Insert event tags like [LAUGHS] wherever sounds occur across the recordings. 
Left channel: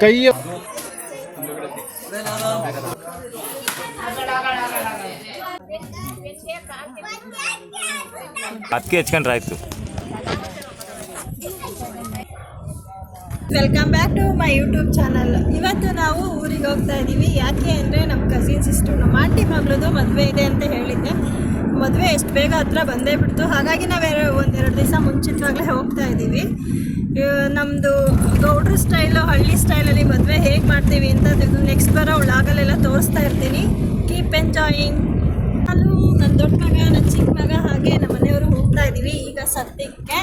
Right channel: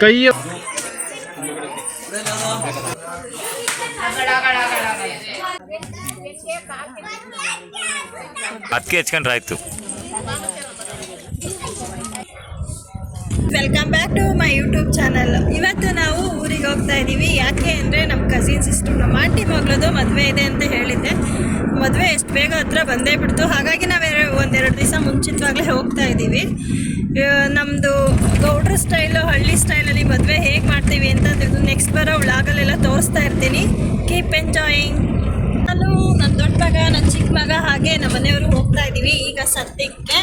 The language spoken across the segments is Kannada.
ಕೈಯ ಅದಕ್ಕೆ ಹೆಚ್ಕೊಂಡ್ರೆ ಆಯ್ತು welcome back to my YouTube channel ಇವತ್ತು ನಾವು ಊರಿಗೆ ಹೋಗ್ತಾ ಇದ್ದೀವಿ ಯಾಕೆ ಅಂದರೆ ನಮ್ಮ ಕಸಿನ್ ಸಿಸ್ಟರ್ ನಮ್ಮ ಆಂಟಿ ಮಗಳದು ಮದುವೆ ಇದೆ ಅಂತ ಹೇಳಿದ್ದೆ. ಮದುವೆ ಎಷ್ಟು ಬೇಗ ಹತ್ರ ಬಂದೇ ಬಿಡ್ತು. ಹಾಗಾಗಿ ನಾವು ಒಂದೆರಡು ದಿವಸ ಮುಂಚಿತವಾಗಲೇ ಹೋಗ್ತಾ ಇದ್ದೀವಿ. ನಮ್ಮದು ಗೌಡ್ರ ಸ್ಟೈಲು, ಹಳ್ಳಿ ಸ್ಟೈಲಲ್ಲಿ ಮದುವೆ ಹೇಗೆ ಮಾಡ್ತೀವಿ ಅಂತ ನೆಕ್ಸ್ಟ್ ಬಾರ ಅವಳು ಆಗಲೆಲ್ಲ ತೋರಿಸ್ತಾ ಇರ್ತೀನಿ. ಕೀಪ್ ಎಂಜಾಯಿಂಗ್ ನಾನು ನನ್ನ ದೊಡ್ಡ ಮಗ ನನ್ನ ಚಿಕ್ಕ ಮಗ, ಹಾಗೆ ನಮ್ಮ ಮನೆಯವರು ಹೋಗ್ತಾ ಇದ್ದೀವಿ ಈಗ ಸದ್ಯಕ್ಕೆ.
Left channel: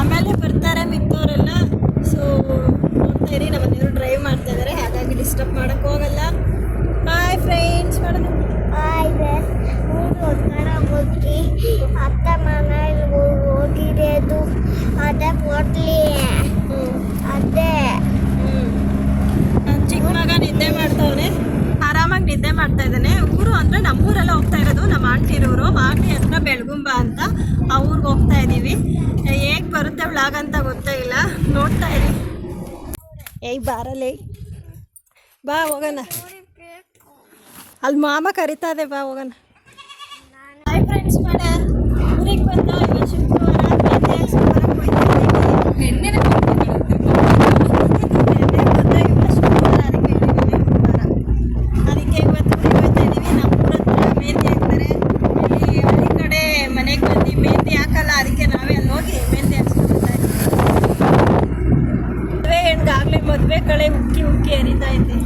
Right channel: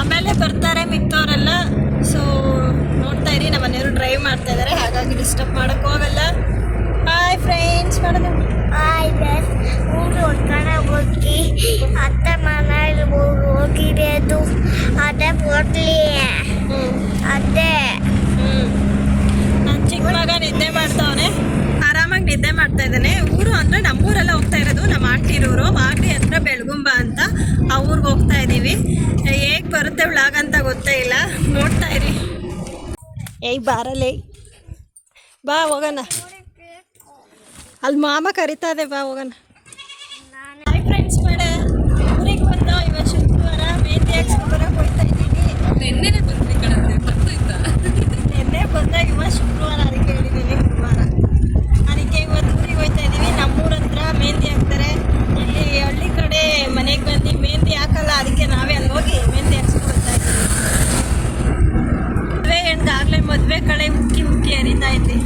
ಆಮೇಲೆ ಬರ್ತಾರೆ ಮಿಕ್ಕವರೆಲ್ಲ. ಸೊ ನೋಡ್ತಾ ಇರಿ, ನಮ್ಮ ಮನೆಯವರು ಡ್ರೈವ್ ಮಾಡ್ತಾ ಇದ್ದಾರೆ ಹಾಗಾಗಿ ಡಿಸ್ಟರ್ಬ್ ಮಾಡೋಕ್ಕೆ ಹ್ಞೂ ಅದೇ. ಹ್ಞೂ ನನ್ನ ಚಿಕ್ಕ ಮಗ ನಿದ್ದೆ ಮಾಡ್ತಾವನೆ. ಆರಾಮಾಗಿ ನಿದ್ದೆ ಮಾಡ್ತಾ ಇದ್ದಾನೆ. ಊರು ಅಂದರೆ ನಮ್ಮೂರೆಲ್ಲ ಹೋಗ್ತಾ ಇರೋದು. ನಮ್ಮ ಆಂಟಿರೂರು ಮಾಗಡಿ ಹತ್ರ ಬೆಳಗುಂಬ ಅಂತ ಆ ಊರಿಗೆ ಹೋಗ್ತಾ ಇದ್ದೀವಿ ಹೇಗೆ ಬರುತ್ತೆ ವ್ಲಾಗ್ ಅಂತ ಗೊತ್ತೇ ಇಲ್ಲ. ನೋಡ್ತಾ ಇರಿ. ಏಯ್ ಬಾರಲೇ ಬಾ ಹೋಗೋಣ. ಅಲ್ಲಿ ಮಾಮ ಕರಿತಾ ಇದೆ. ಬಾ ಹೋಗೋಣ ಹಾಯ್ ಫ್ರೆಂಡ್ಸ್ ಮಾಡ ಊರಿಗೆ ಬಂದ ಇವತ್ತು ಶುಕ್ರವಾರ ಮೆಹಂದಿ ಹಾಕ್ಸ್ಕೊಬರಕ್ಕೆ ಹೋಗ್ತಾ ಇದ್ದೀವಿ ನಿನ್ನೆ ಬಂದಾಗ ಇವತ್ತು ಶುಕ್ರವಾರ ಅದಕ್ಕೆ ಹೇಳಿದ್ದೀನಿ ಶುಕ್ರವಾರ ಅದಕ್ಕೆ ಇವತ್ತು ಊರಿಗೆ ಹೋಗ್ತಾ ಇದ್ದೀವಿ ನಮ್ಮೂರ ಹತ್ರ ಮೆಹಂದಿ ಹಾಕ್ತಾರೆ ಇಲ್ಲಿ ಹಳ್ಳಿ ಕಡೆ ಮನೆಗೆ ಬಂದು ಮೆಹಂದಿ ಹಾಕಲ್ಲ ಅದಕ್ಕೆ ನಾವೇ ಅಲ್ಲಿ ಹೋಗಿ ಮೆಹಂದಿ ಹಾಕ್ಸ್ಕೊಳ್ತಾ ಇದ್ದೀವಿ ಮದುವೆ ಹೆಣ್ಗಾಗಲೇ ಮದುವೆ ಕಡೆ ಉಕ್ಕಿ ಉಕ್ಕಿ ಹರಿತಾ ಐತಿ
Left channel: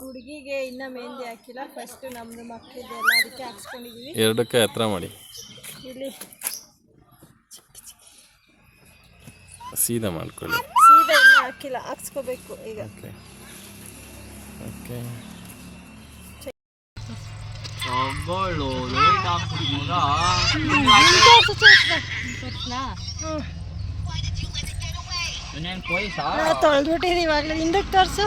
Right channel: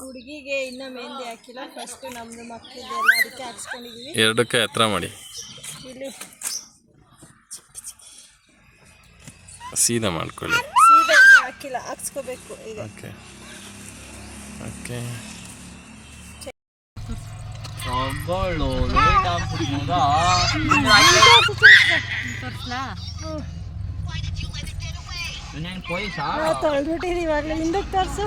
ಹುಡುಗಿಗೆ ಇನ್ನೂ ಮೆಹಂದಿ ಹಾಕಿಲ್ಲ. ಫಸ್ಟು ನಮ್ಮದು ಮಕ್ಕಳಿದ್ದೆಲ್ಲ ಅದಕ್ಕೆ ಹಾಕ್ಸ್ಕೊಂಡಿದ್ದೀವಿ ಎರಡಕ್ಕೆ ಹತ್ರ ಮಾಡಿ. ಇಲ್ಲಿ. ಸೀದಾ ಮಾಡ್ಕೊಳ್ಳಿ. ಸೀದಾ ಇನ್ನೂ ಹಾಕಿಲ್ಲ. ಹಾಕ್ಸ್ಕೋಬೇಕು ಈಗ. ಓಕೆ ಓಕೆ ನಾವು ತೊಳೆದ್ಬಿಟ್ಟಿದ್ದೀವಿ ಇವಾಗಲೇ ಹಿಂದಕ್ಕೆ ತೋರಿಸು.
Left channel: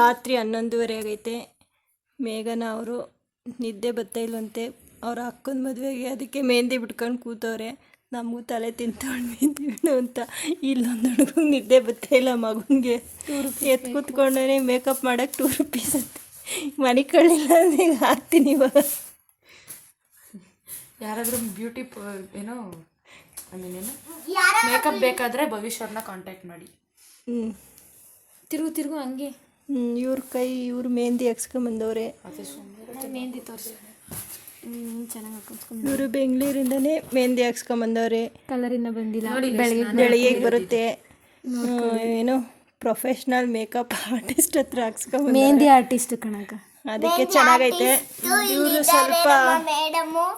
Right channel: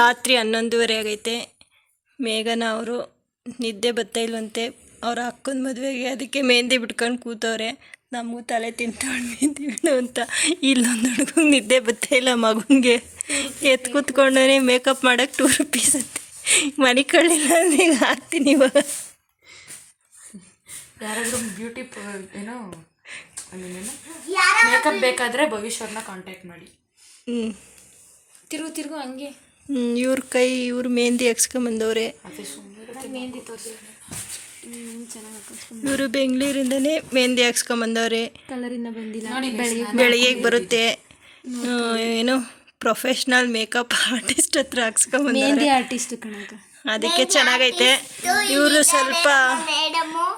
ರಾತ್ರಿ ಹನ್ನೊಂದುವರೆ ಆಗೈತೆ. ಮೇಘನ ಅವರು ನಿದ್ದೆ ಬರ್ತಾ ಇಲ್ವಂತೆ. ಅವ್ರ ಅಕ್ಕನ ಮದುವೆಗೆ ಅದಕ್ಕೆ ಮೆಹಂದಿ ಬಿಟ್ಕೊಂಡು ಕೂತವ್ರೆ. ನಮಗೂ ತಲೆ ಮೆಹಂದಿ ಅಂತ. ಇಲ್ಲೊಂದು ಹುಡುಗಂಗೆ ನಿದ್ದೆ ಬರ್ತಾ ಇಲ್ಲ ಮಗನಿಗೆ. ಎತ್ ಕೂತ್ಕೊಂಡೇ ಮೇಕಪ್ ಮಾಡೋಕ್ಕೆ ಟೂ ರುಪೀಸ್ ಅಂತೆ. ಮನೆ ಕಳ್ಳಿಲ್ಲ ಅಂದ್ರೆ ಈಗ ಹಾಕ್ತೀನಿ ಇವಾಗ. ಯಾರಾದರೂ ಬ್ಯೂಟಿ ಏನೋ ಅಲ್ಲೇನೇನು ಮೇಕಪ್ ಬೇಕಾದರೆ ಭವಿಷ್ಯವ್ರನ್ನ ಕಾಂಟ್ಯಾಕ್ಟ್ ಮಾಡಿ. ಹ್ಞೂ ತಿರುಗು ತಿರುಗು ಹಂಗೆ. ಹ್ಞೂ ಇವ್ರ ಕೈ ಇವ್ರ ಮೆಹಂದಿ ಹಾಕ್ಸ್ಕೊಂಬಂದವ್ರೆ ಮೆಹಂದಿ ತೋರಿಸಿ ಇವರು ಬೆಂಗಳೂರಿಂದನೇ ಮೆಹಂದಿ ಹಾಕ್ಸ್ಕೊಂಬಂದವ್ರೆ ಕಲರಿಂದ ಬಂದಿಲ್ಲ. ಬೆಳಿಗ್ಗೆ ಬರುತ್ತೆ. ಏನು ಪ್ರೊಫೆಷ್ನಲ್ ಮೇಕಪ್ ಆರ್ಟಿಸ್ಟ್ ಹತ್ರ ಹಾಕ್ಸ್ಕೊಂಬಂದವ್ರೆ ಆರ್ಟಿಸ್ಟ್ ಕಣಕ ಅದಕ್ಕೆ ಚೆನ್ನಾಗೈತೆ. ಇವರು ಸ್ವಲ್ಪ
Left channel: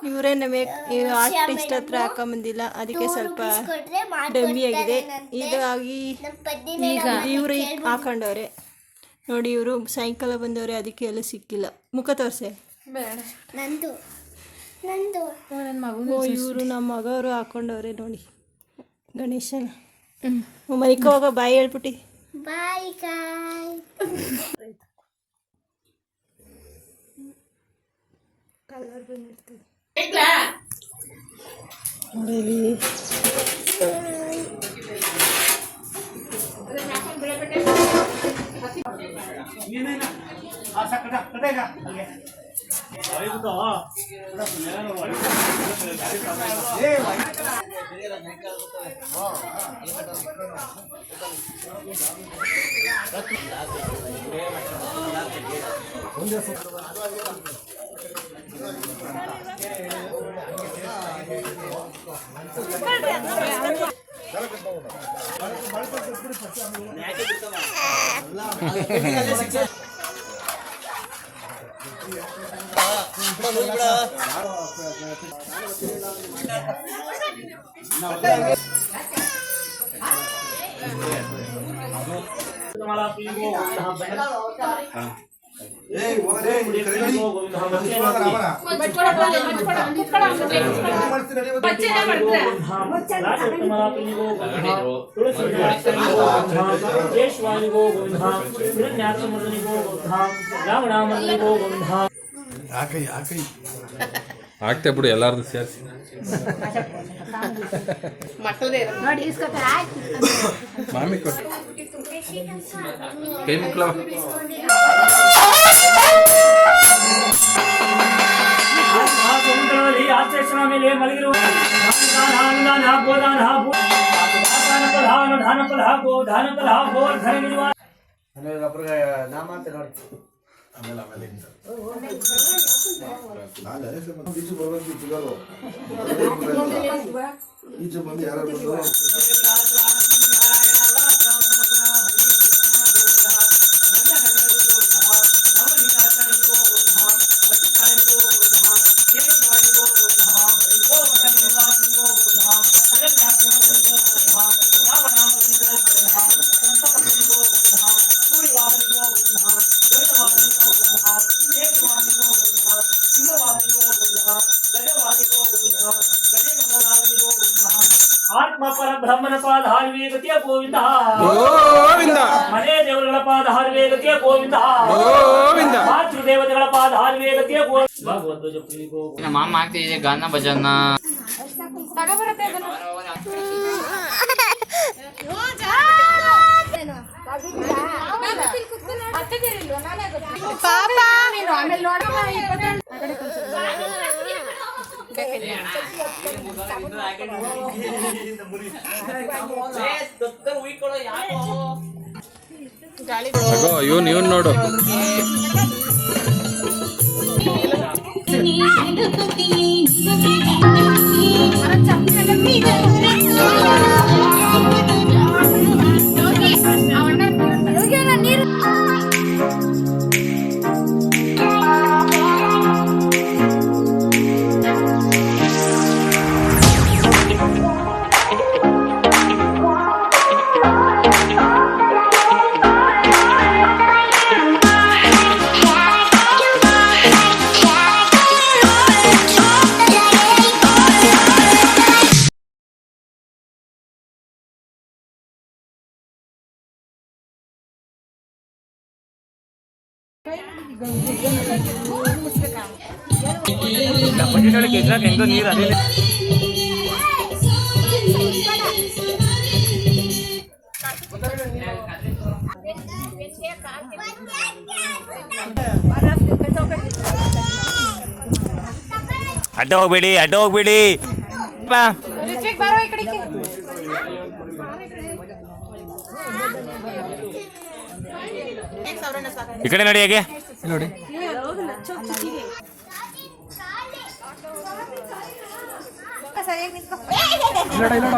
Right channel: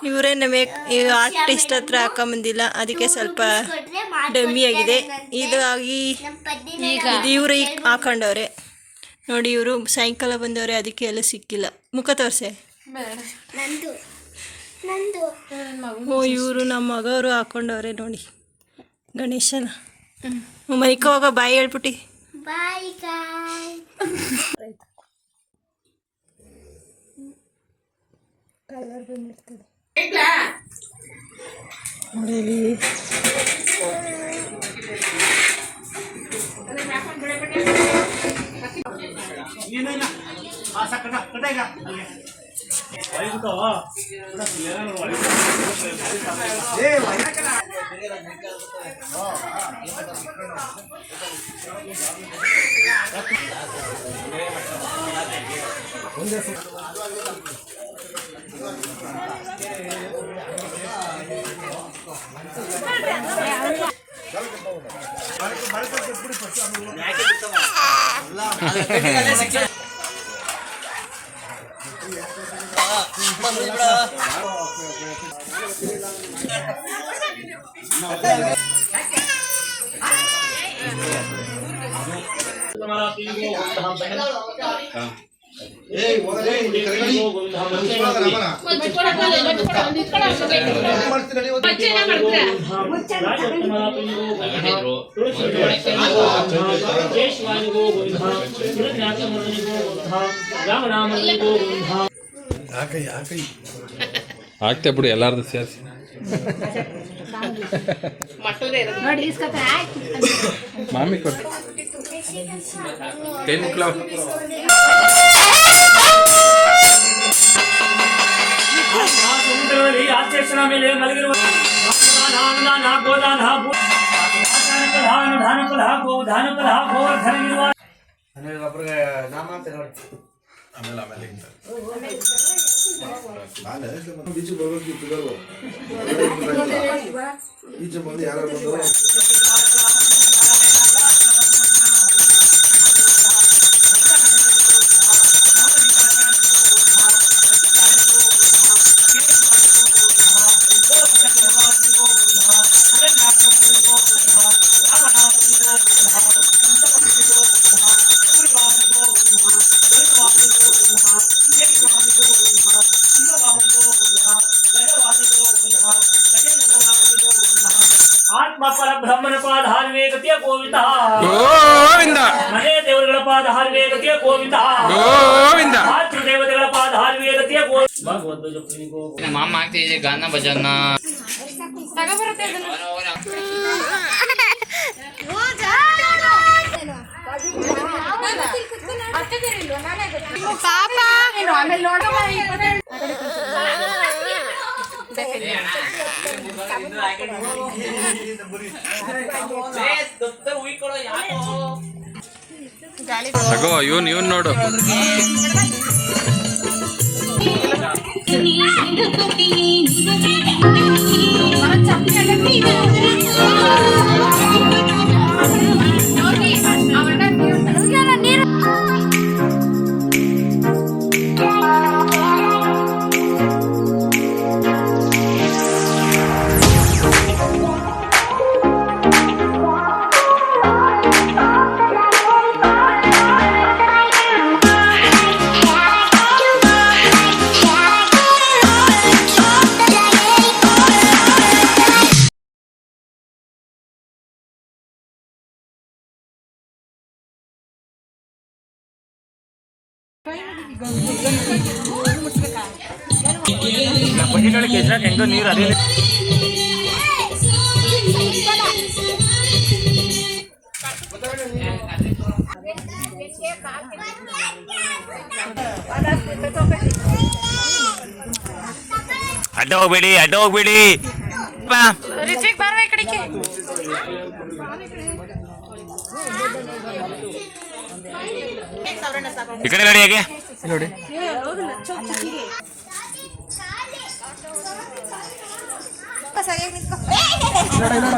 ಇವರೇ ನಮಗೆ ಆರ್ಟಿಸ್ಟ್ ಹತ್ರ ಹಾಕೊಂಬಂದಿಲ್ಲ. ಅದಕ್ಕೆ ಸ್ವಲ್ಪ ಡಮ್ಮಿ ಆಗಿದೆ. ಇದಾಗಿ ಇದು ಇವರು ಈಗ ಹಾಕೊಂಡವ್ರೆ. ನೋಡಿ ಇವರು ಸಾಯಂಕಾಲ ಬಂದವ್ರೆ ಅದಕ್ಕೆ ಎಲ್ಲ ಸಿಕ್ಕಿಲ್ಲ. ಮುಖ ತೋರಿಸೆ. ಓ ಇವರು ನಮ್ಮ ಮಗವರು ಹಾಕೊಂಡವ್ರೆ ನೋಡಿ. ಗಣೇಶನ. ಮೈಕ ಹೋಗ ಬಾಯಿ ಹೇಳ್ಬಿಟ್ಟು. ಬಾಯ್ ಗಾಯ್ ನೋಡಿ ಕೇಶವಾನಿಗೋ ಗೋವಿಂದ ಹಿರಣ್ಯಾಕ್ಷಮರ್ದನಿಗೋ ಗೋವಿಂದ ರಾಮನಾಮರ್ದನಿಗೋ ಗೋವಿಂದ ಆಗ್ತೇ ಬಿಡು ಎಲ್ಲಾರ್ದು ಸೇರಿಸಿ. ಮಾಮಿ ಕೊಟ್ಟು ಟೆನ್ ಕ್ಲಾಕ್ ಸಮುದ್ರದಲ್ಲಿ ಆಚೇಷನ ಮೇಲೆ ಮಲಗಿರುವ ಧಾನ ಗೋದಾನ ಧಾನ ಧಾನಫಲ ಗೋ ಧಾನಫಲ ಗೋವರ್ಧನ ನಿರ್ವಾಹ ಆಮೇಲೆ ಆಮೇಲೆ ಹಿಂಗೆ. ಈಚೆ ಬಂದು ಯಾರು ಬಂದು ಆತ್ಮ ಪರ ಬ್ರಹ್ಮನ ಪಾದ ಹಾರುವೆ ಗತಿಯ ಗೋವಿಂದ ಗೋವಿಂದ ಮನೆ ದೇವರುಗಳ ಪಾದ ಹಾರುವೆ ಗತಿಯ ಗೋವಿಂದ ಗೋವಿಂದ ಮಾತೃ ದೇವತೆಗಳ ಪಾದ ಹಾರುವೆ ಗತಿಯ ಗೋವಿಂದ ಭಗವದ್ವಜ ಪ್ರಿಯಗೋ ನಮ್ಮ ಮಾಮ ಆಗ್ತಿದೆ ಗಾನ ಭಜನ ಅಗೋ ಇವನ್ ಇವನ್ ನೋಡು ಅಡ್ಡ ಹೋಗ್ಬೇಡಿ ಅಡ್ಡ ಹೋಗ್ಬೇಡಿ ಈ ಕಡೆ ನೋಡಿ ಹೇಗೆ? ನೋಡಿ. ಇಲ್ಲೋಡ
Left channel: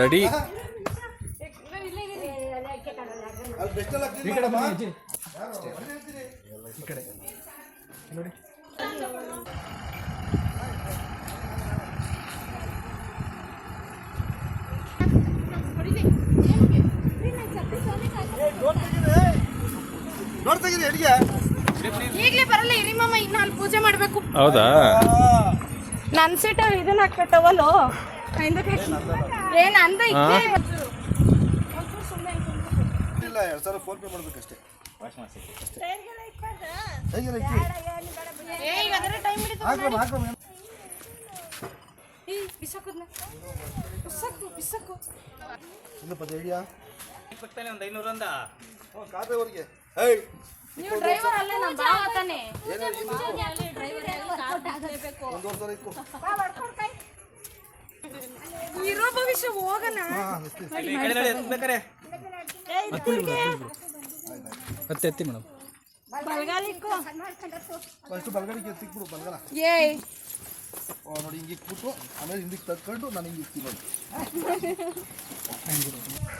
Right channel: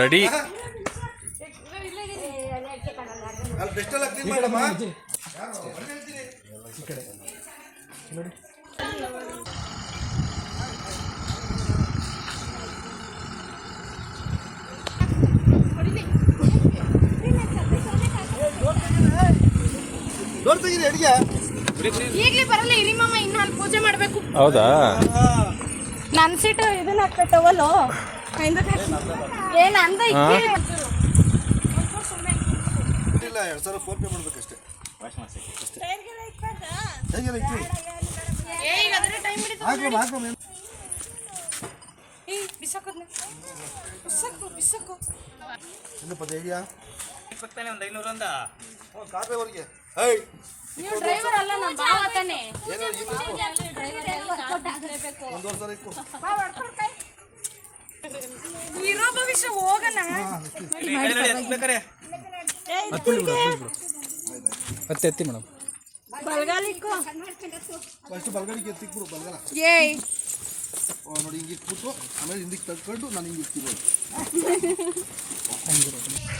ರೆಡಿ. ಈ ಕಡೆ ಈ ಕಡೆ. ನೋಡಿ ಈಗಲೇ ಬರಲ್ಲ ಇಳಿಮಮ್ಮ ಇನ್ನು ನಾನು ಪೂಜೆ ಮಾಡಬೇಕು. ಹೌದಾ? ನನ್ನ ಸೀಟು ಇದನ್ನ ಹಾಕ್ತವಲ್ಲ ಏನು ಅಂದ ಇಲ್ಲ ಎರಡು ಸಾವಿರ ಫೋನ್ ಪೇ ಮಾಡ್ಬೇಕಷ್ಟೇ. ಈಗ ಅದರ ಟೈಮ್ ಹಿಡಿದು ಹಾಕ್ರಮ್ಮ ಹಾಕ್ರಮ್ಮ ಏಯ್ ಬಿಸಾಕೋದ್ನ ಬಿಸಾಕು ಬಿಸಾಕು. ಇನ್ನು ಪದ ಇದೆಯಾ? ಒಂದು ಐನೂರು ಅಂದ. ಹ್ಞೂ ಕಾಪಿ ಅವ್ರಿಗೆ. ಹೈ ನೀವು ಡ್ರೈವರ್ ಅಲ್ಲ ನಮ್ಮ ತಾನೆ. ಇರೋ ಭವಿಷ್ಯ ಹೋಗೋಣ ಹತ್ತೆ ಮೇಡಮ್ ಬಲ್ಗಾಲಿಕ್ಕೋ. ಫಸ್ಟ್ ಬಲ್ಗಡಿಗೆ ಎತ್ತಿಕ್ಬಿಡು ಬಲ್ಗಾಲ. ಏಯ್. ನೋಡಿ ಹಿಂಗೆ ಇಕ್ಬಿಟ್ಟು ಆಮೇಲೆ ಹಿಂದಿಗೆ ತಕ್ಕೊಂಡು ನಾನು ಹಿಂಗೆ ಇಕ್ತೀನಿ. [LAUGHS]